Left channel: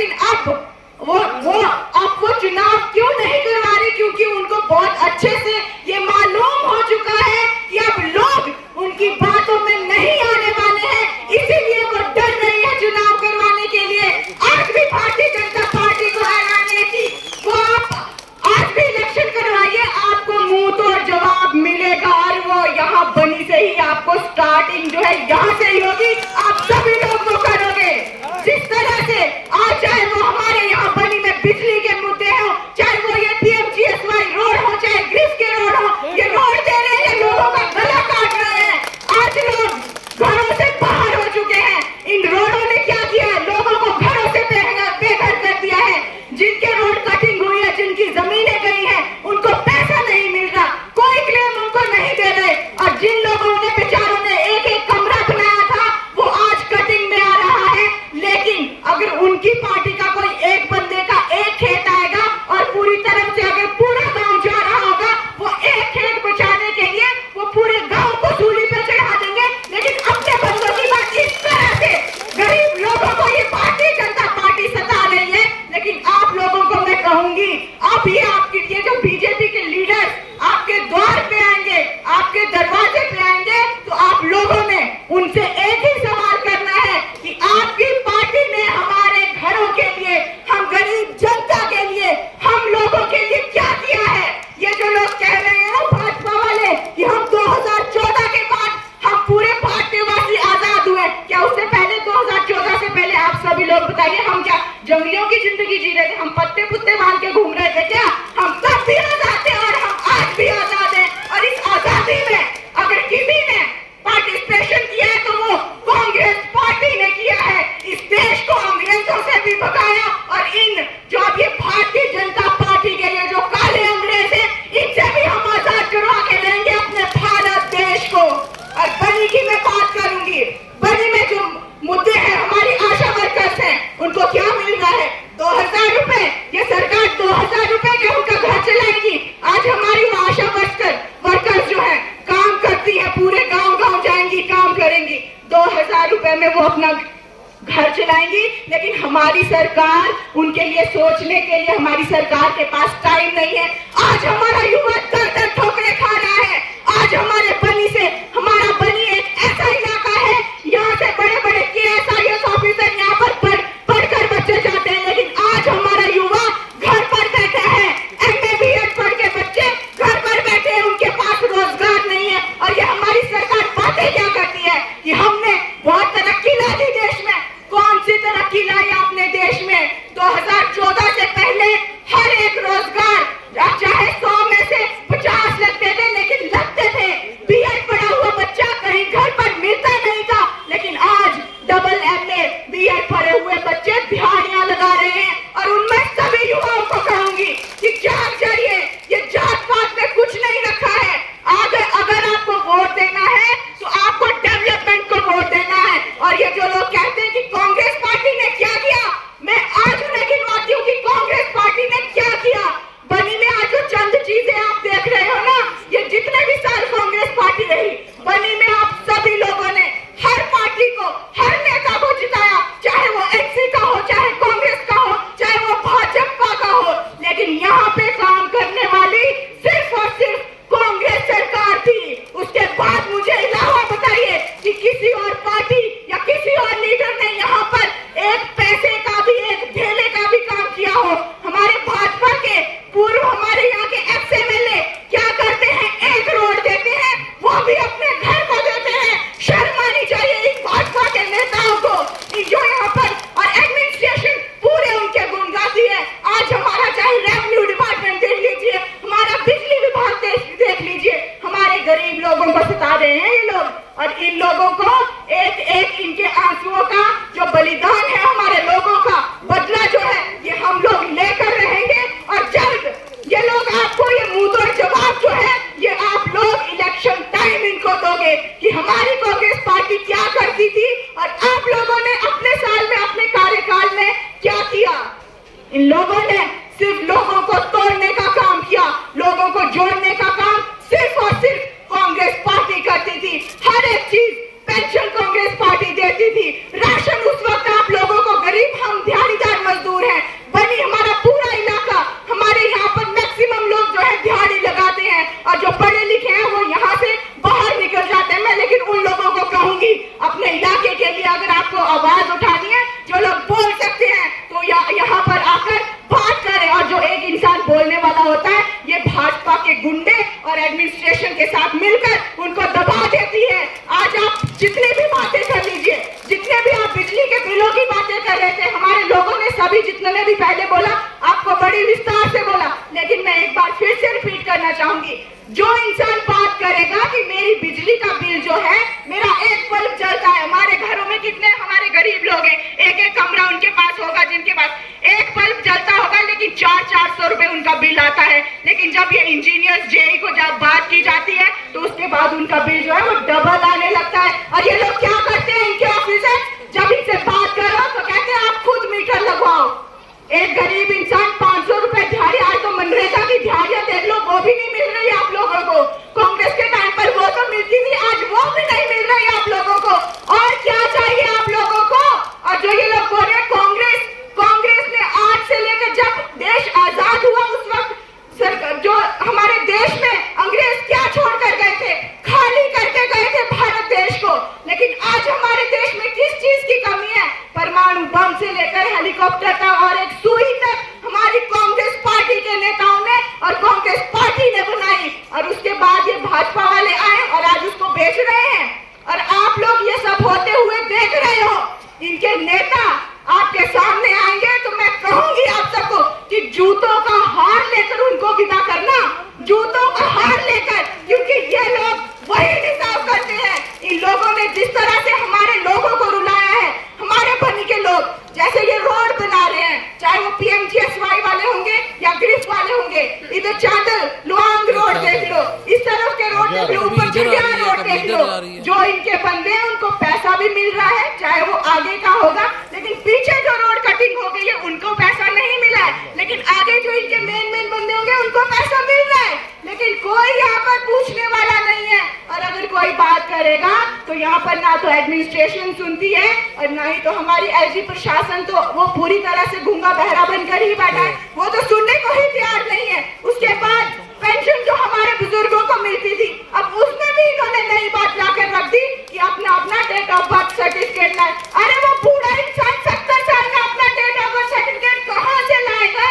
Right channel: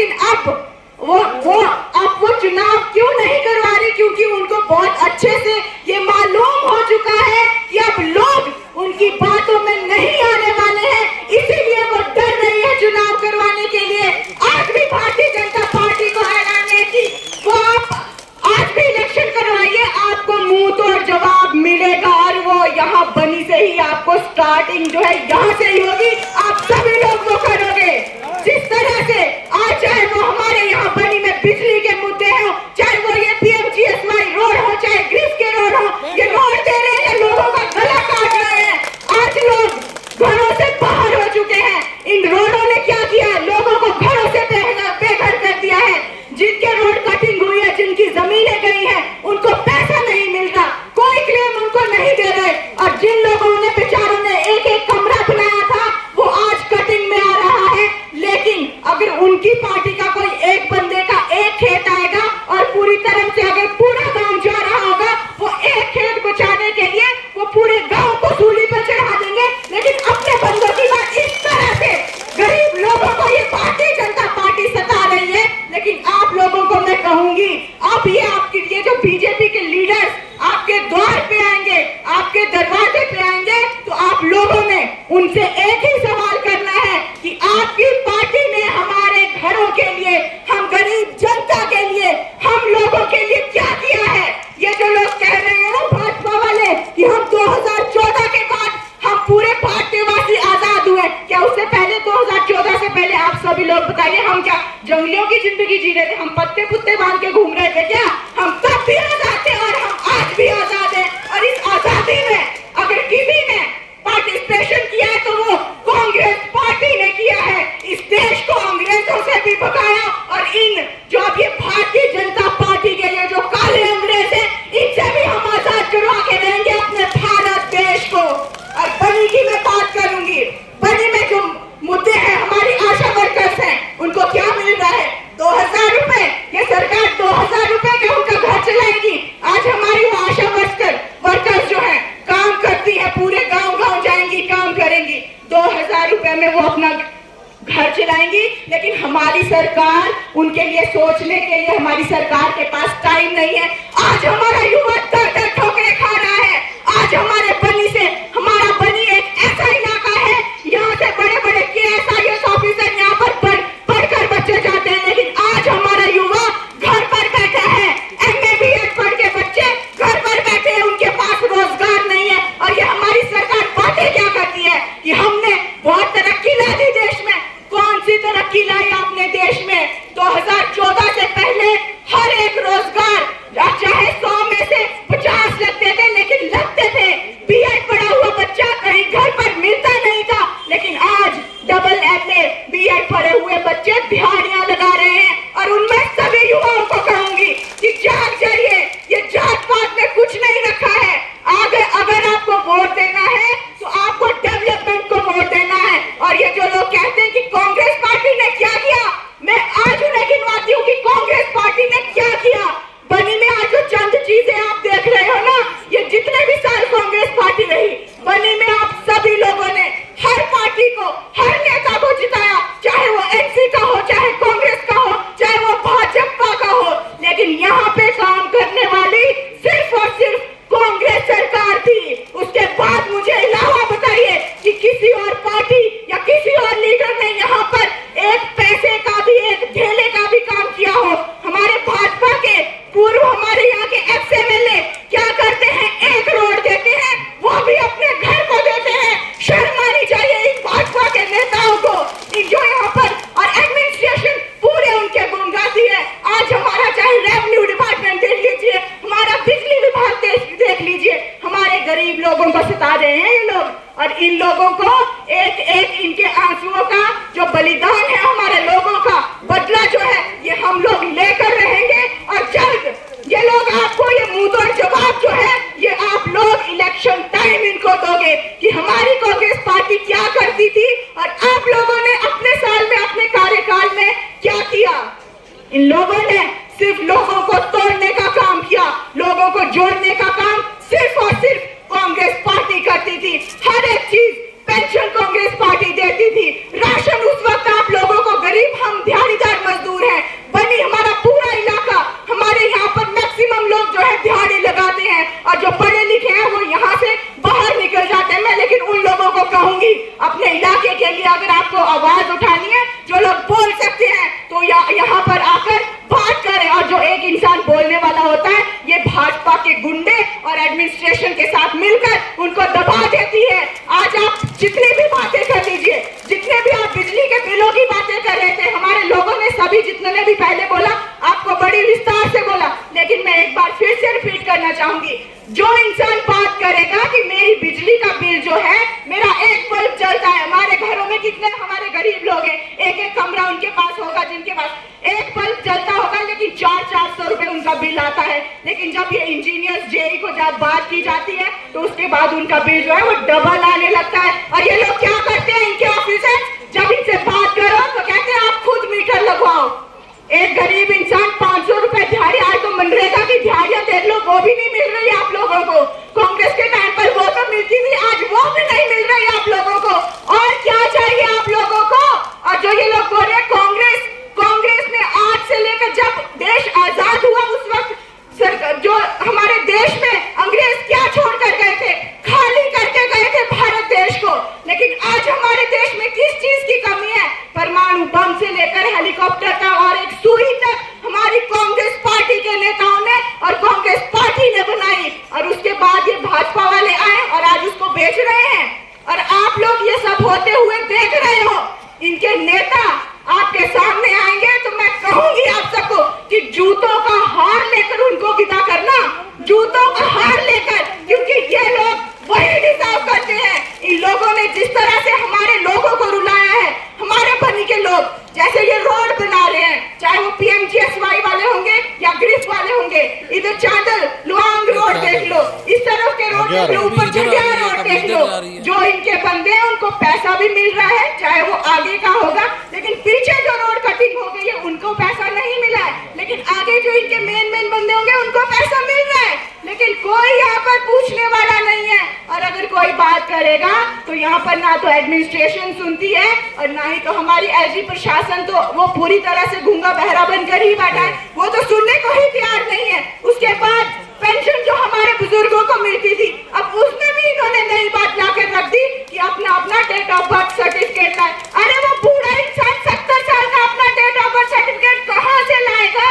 लेकिन अब वो चुनाव क्यों नहीं करवा रही? क्योंकि उनको बहुत अच्छे से ये मालूम हो चुका है कि अब लोग उनकी बातों में नहीं आने वाले हैं, इसीलिए वो डर रही है चुनाव करवाने के लिए। आज भी भारतीय जनता पार्टी को हराने की वो आप आज भी इलेक्शन करवाइए, आपको मुंह तोड़ जवाब मिलेगा। और वो यहाँ बनी से ही आपको स्टार्टिंग जो है यहाँ से ही होगी। आप सभी लोग वो करोगे जिस तरह से आज, चाहे वो हमारे यहाँ बनी में बिजली के मुद्दे हो, चाहे वो ये PMGSY रोड हो, चाहे ग्रिस के रोड हो, ये रोड दे रहे हैं, लोगों का गला काट रहे हैं। आज लोग घरों से बाहर हो चुके हैं। इन रोडों ने क्या किया है? लोगों को घरों से बेघर कर दिया है। जिनके रोड कटिंग हुई है, जिनकी जमीनें गई हैं, उनको पैसा नहीं मिल रहा, कोई क्लेम उनको नहीं दे रहे। और जिन लोगों ने बेचारों ने एक एक कमरा बनाया था, वो आज कटिंग में आ रहा है। लेकिन अगर उनकी पार्टी का कोई एक बंदे का एक खेत आएगा और पूरी तरह से अगर पूरा गांव जा रहा होगा, वो एक खेत बचाने के लिए वो पूरे गांव को सूली पर चढ़ा देंगे। लेकिन अपने बंदों की बात इस तरह से गरीब लोगों को ये भारतीय जनता पार्टी सता रही है। लेकिन आप लोगों को मैं कहूंगी, अब ये जो बीजेपी के लीडर्स आपके द्वार पे आएंगे, आपके दरवाजे पे आएंगे, तो आप लोगों ने उनसे एक ही सवाल करना है कि आपकी पार्टी ने हमारे घरों के लिए, हम गरीब जनता के लिए, हम लोगों के लिए क्या किया है? ये जो लोग कह रहे हैं ना भाजपा वाले कि हम 2014 के बाद हम पूरे भारतवासी आजाद हुए, क्या उससे पहले 2014 से पहले आप सभी लोग बताइए, हम क्या जंगलियों की जिंदगी जी रहे थे? हम पत्ते पुत्ते बांध के घूम रहे थे क्या? हम तब भी आजाद थे और हम आज भी आजाद हैं। और इस आजादी में अगर किसी ने पार्टिसिपेशन किया है तो वो कांग्रेस पार्टी ने किया है। इस देश को अंग्रेजों से भी भगाया, और इन जो अब ये भारतीय जनता पार्टी के लिए जो काले अंग्रेज है, इनसे भी हम आजाद करवा के रहेंगे अपने भारत देश को। और बनी की मैं बात करूंगी, बनी में जो मुद्दे हैं, हमारी आशा वर्कर्स हैं, उनको क्या मिल रहा है? 2000 रुपए। ये सरकार 2000 रुपए का उनका घर चलाएगी। आज हमारी वो आशा वर्कर्स जो है काम करती है, पूरे गांव जाएंगी, काम करेंगी, 2000 रुपए में वो अपना घर चलाएंगी। लेकिन हमारी सरकार, उनके लिए सोचने के लिए हमारी सरकार के पास टाइम नहीं है। आज हमारा युवा दर ठोकरे खा रहा है। आज हमारे बनी से, हमारा बनी एक ऐसा इलाका है, यहाँ से बड़े बड़े KS ऑफिसर यहाँ पर पढ़कर बच्चे जाते हैं। लेकिन आज हमारा युवा घर पर बैठा है, MA BEd पढ़ के बच्चे घर पर बैठे हैं, उनके पास रोजगार नहीं है। और ये हमारी सरकार बातें क्या करती है कि हमने बहुत तरक्की ला दी देश में। कौन सी तरक्की लाई आपने देश में? 2014 से पहले हर एक रोजगार, चाहे 100 में से 50 लगते थे, लेकिन लगते थे। BEd पढ़ा हुआ बच्चा कहीं घर पर मिलता नहीं था। लेकिन आज डबल MA BEd पढ़े हुए बच्चे दिहाड़ियां लगा रहे हैं। और उनमें सभी युवाओं को कहूंगी कि जाग जाइए, ये जात पात में कुछ नहीं रखा है। अगर आपको वोट देना है तो आपको डेवलपमेंट को वोट देना है। और ये जो लोग कहते हैं कि कांग्रेस पार्टी ने क्या किया, मैं आज उन्हें गिनवाती हूँ कि कांग्रेस पार्टी ने क्या किया। बनी में आज जो चंद चीजें आप देख रहे हो ना, ये जितने भी साल कांग्रेस पार्टी रही, बनी में आप सभी लोगों ने हर पार्टी को, हर नेता को जिताया, चाहे वो NC का हो, चाहे कांग्रेस का हो, चाहे वो भाजपा का हो। लेकिन यहाँ पे काम करने वाली सिर्फ और सिर्फ कांग्रेस सरकार थी। उसके बाद मुझे अलावा बताइए कि किसी और पार्टी या किसी और लीडर ने यहाँ पर एक पैसे का भी, एक ढेले का भी काम किया हो? हमारे भाजपा के पूर्व, हमारे यहाँ के XMLA क्या करते हैं? एक रोड देते हैं, वो भी अपने घर को देते हैं। शर्म आनी चाहिए इन भाजपा के नेताओं को, जो यहाँ पर, और एडमिनिस्ट्रेशन पूरे उनके गुमराही है। आज हमारा चाहे रेवेन्यू डिपार्टमेंट देख लीजिए, हमारा बिजली विभाग देख लीजिए, हमारे गरीब लोगों को सता रहे हैं ये लोग। और इन लोगों को एक एक इनके आंसुओं का जो बलिदान है, हमारे लोगों का बदला जो है, ये हम लोग लेकर रहेंगे। और जल्द ये लोग आपको ये मुंहतोड़ जवाब जो है, ये आप लोग इलेक्शन टाइम इनको दोगे कि हमारी कांग्रेस पार्टी क्या करती थी और आप लोगों ने अपने साल में, अपने कार्यकाल में क्या किया। इन लोगों ने सिर्फ लोगों को तोड़ने का काम किया, लोगों को जोड़ने का काम सिर्फ और सिर्फ कांग्रेस पार्टी करती थी। हर एक चीज, पेंशन कांग्रेस पार्टी देती थी, राशन उस वक्त आप लोगों को, गरीब हम दिहाड़ीदार मजदूर चाहूंगी, जो इंसान बात करेगा कि मेरी बिजली का बिल जो है, मेरा एक बल्ब जलता है, हमारे घरों में कितने हमारे गरीब लोग हैं, एक एक कमरा उनके पास होगा जिनके पास एक बल्ब जलता होगा, लेकिन 400 रुपए उनका बिल आता है। लेकिन जब ये इंजीनियर्स जेई को जब बात की जाती है तो उसके बाद उनका बिल जो है वो डबल आने लगता है। और ये लोग क्या करते हैं, इनके ऑफिसर जब इनसे बात करो तो कहते हैं आप खुद मीटर लगवाओ। एक गरीब इंसान 500 रुपए दिहाड़ी, आज तो मनरेगा की दिहाड़ियां देख लो, वो भी नहीं मिल रही आप लोगों को। कांग्रेस के टाइम पर वो तो मिलती थी, आज वो भी नहीं मिल रही आप लोगों को। और क्या चाहिए आप लोगों को? और जो ये लोग बोल रहे हैं कांग्रेस ने आज से लेकर जब देश आजाद हुआ उस वक्त सरकार जो हमारे देश में अंग्रेज क्या छोड़ कर गए थे, खाली करके गए थे भारत देश को। लेकिन आज हमारे देश में किस चीज की कमी है? परमाणु बम से लेकर हेलीकॉप्टर का और एक सुई तक हमारी कांग्रेस पार्टी के नेताओं ने और कांग्रेस पार्टी ने बनाई। और उसके बाद ये भाजपा वाले आए और आज उसको बेच रहे हैं। और आप लोग ये सब होते हुए देख रहे हो। इनके नेता आपके सामने आएंगे तो मैं कहूंगी आप सबको कि जूतों का हार लेकर उनको विदा करना, जूतों का हार लेकर, क्योंकि ये लोग वही डिजर्व करते हैं। इन लोगों ने जिस तरह से हमारे लोगों को रुलाया है, हमारे बनी के लोग जैसे ये रोड बना रहे हैं, चाहे वो PMGSY वाले होंगे या ग्रिफ वाले होंगे, इधर चादर लुआंग रोड देख लो, इस तरफ के रोड देख लो, ऊपर चंडिया रोड देख लो। जो इनके बंदे हैं उनको पैसा भी मिल रहा है, चाहे वो आगे का होगा, लेकिन पीछे जो रोड कटिंग हो गई है उनको पैसा नहीं मिला है। लेकिन आगे जो इनके मेन बंदे होंगे उनको पैसा मिल रहा है। लेकिन कोई यहाँ पर पूछने वाला नहीं है। और अगर कोई बात करेगा तो यहाँ पर ना तो एडमिनिस्ट्रेशन सुनती है और ना ही तो हमारी एसडी प्रशासन, तो वो पूरी तरह से गूंगा बहरा बनकर ही बैठा है, वो तो सुनने को ही तैयार नहीं है। उसके बाद पेंशन जो हमारे बुजुर्गों को मिलती थी, अब उसमें भी इन्होंने नई बात लाकर रख दी कि अपना डेट ऑफ बर्थ सर्टिफिकेट है। अरे वो बूढ़ा इंसान 70 साल का अपना डेट ऑफ बर्थ सर्टिफिकेट कहाँ से लाएगा?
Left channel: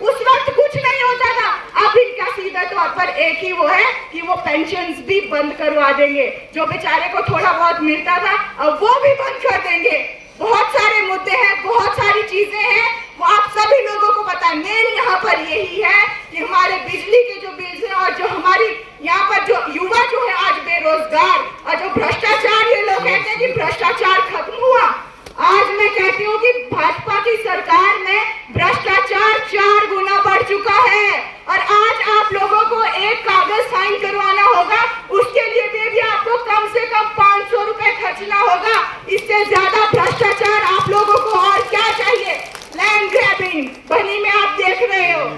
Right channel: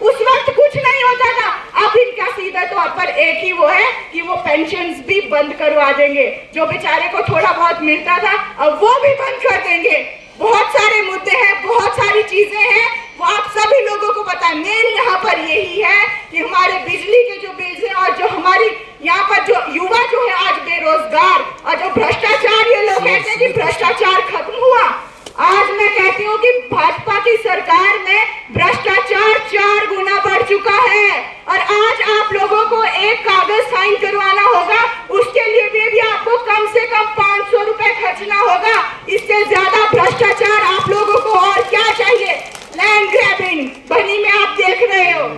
उस वक्त कुछ नहीं होता था। अब इनका सीधे तौर पर एक ही वो है कि वो पेंशन्स भी बंद करवा देंगे, जो बेचारे को थोड़ा बहुत मिलता था अब वो भी बंद कर देंगे। बहुत सारे मुद्दे हैं, बहुत सारी चीजें हैं, वो आप सभी लोगों को पता है। मेन यहाँ पर यही है कि हमारे बिजली के जो बिल्स हैं और जो हमारी यहाँ पर जो युवा जो है आज बेरोजगार, और जो भ्रष्टाचार, ये लोग कहते हैं कि भ्रष्टाचार खत्म हुआ। आज मैं कहती हूँ कि भाजपा की सरकार में भ्रष्टाचार 4 गुना बढ़ चुका है। और आज आप लोगों को एक कागज साइन करवाना होगा, उसके लिए भी आपको कम से कम 500 रुपए खर्चना होगा। इससे ज्यादा भ्रष्टाचार आप लोगों को और क्या चाहिए? लैंड ग्रैबिंग बनी में आप देख रहे हो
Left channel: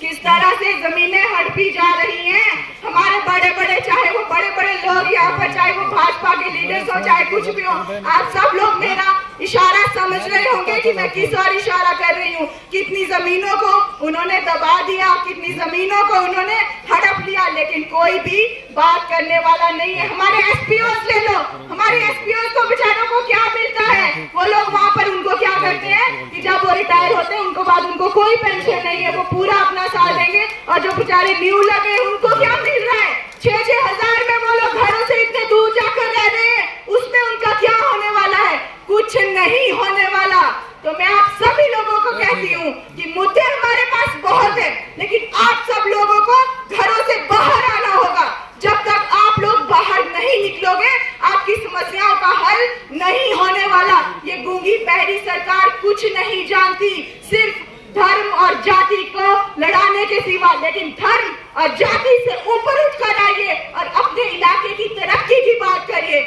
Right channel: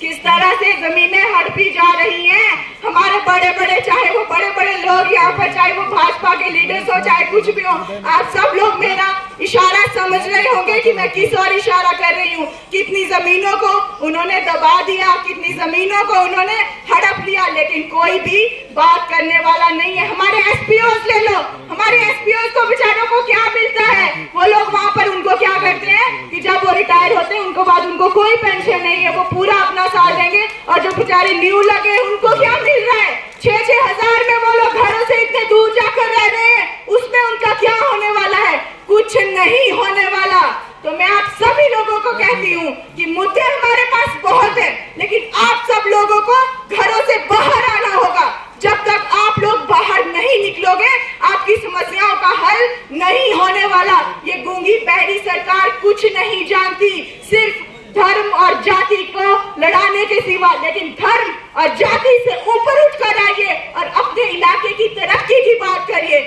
किस तरह से जमीनें हड़पी जा रही हैं। हमारे बड़े चाहे वो बड़े लोग यहाँ पर, चाहे वो भाजपा के लीडर्स हो, चाहे कुछ भी हो, आप सब लोग मेरा इशारा समझ रहे होंगे कि मैं किस और इशारा कर रही हूँ। कितनी जमीनों को उन्होंने दबा दिया, कितनी जमीनों को उन्होंने हड़प लिया, लेकिन कोई भी बात करने वाला नहीं है। हमारे SPOs ले लो, हमारे SPOs को बेचारों को क्या मिलता है? वो लोग वहाँ पर उनको क्या करते हैं कि जब वो रिटायर होते हैं उनको बाद उनको कोई पेंशन नहीं है, वो पूरा अपना साथ देंगे। और जो बेचारे न्यू लगे उनको क्या मिल रहा है? 6-6 हजार में वो लोग घरों से इतने दूर जाकर रह रहे हैं, उसमें उनका क्या होने वाला है? कुछ नहीं होने वाला। तो मैं आप सभी लोगों को कहती हूँ कि मुद्दे हमारे पास बहुत है, लेकिन आप सब लोगों को घरों से बाहर आना होगा। जब तक आप लोग बाहर नहीं निकलोगे, आपकी समस्याओं का हल नहीं होने वाला। ये गूंगी बहरी सरकार कुछ नहीं जानती, सिर्फ धर्म और जाति को लड़ाने के सिवा। लेकिन धर्म और जाति से ऊपर उठकर आइए और अपने इलाके की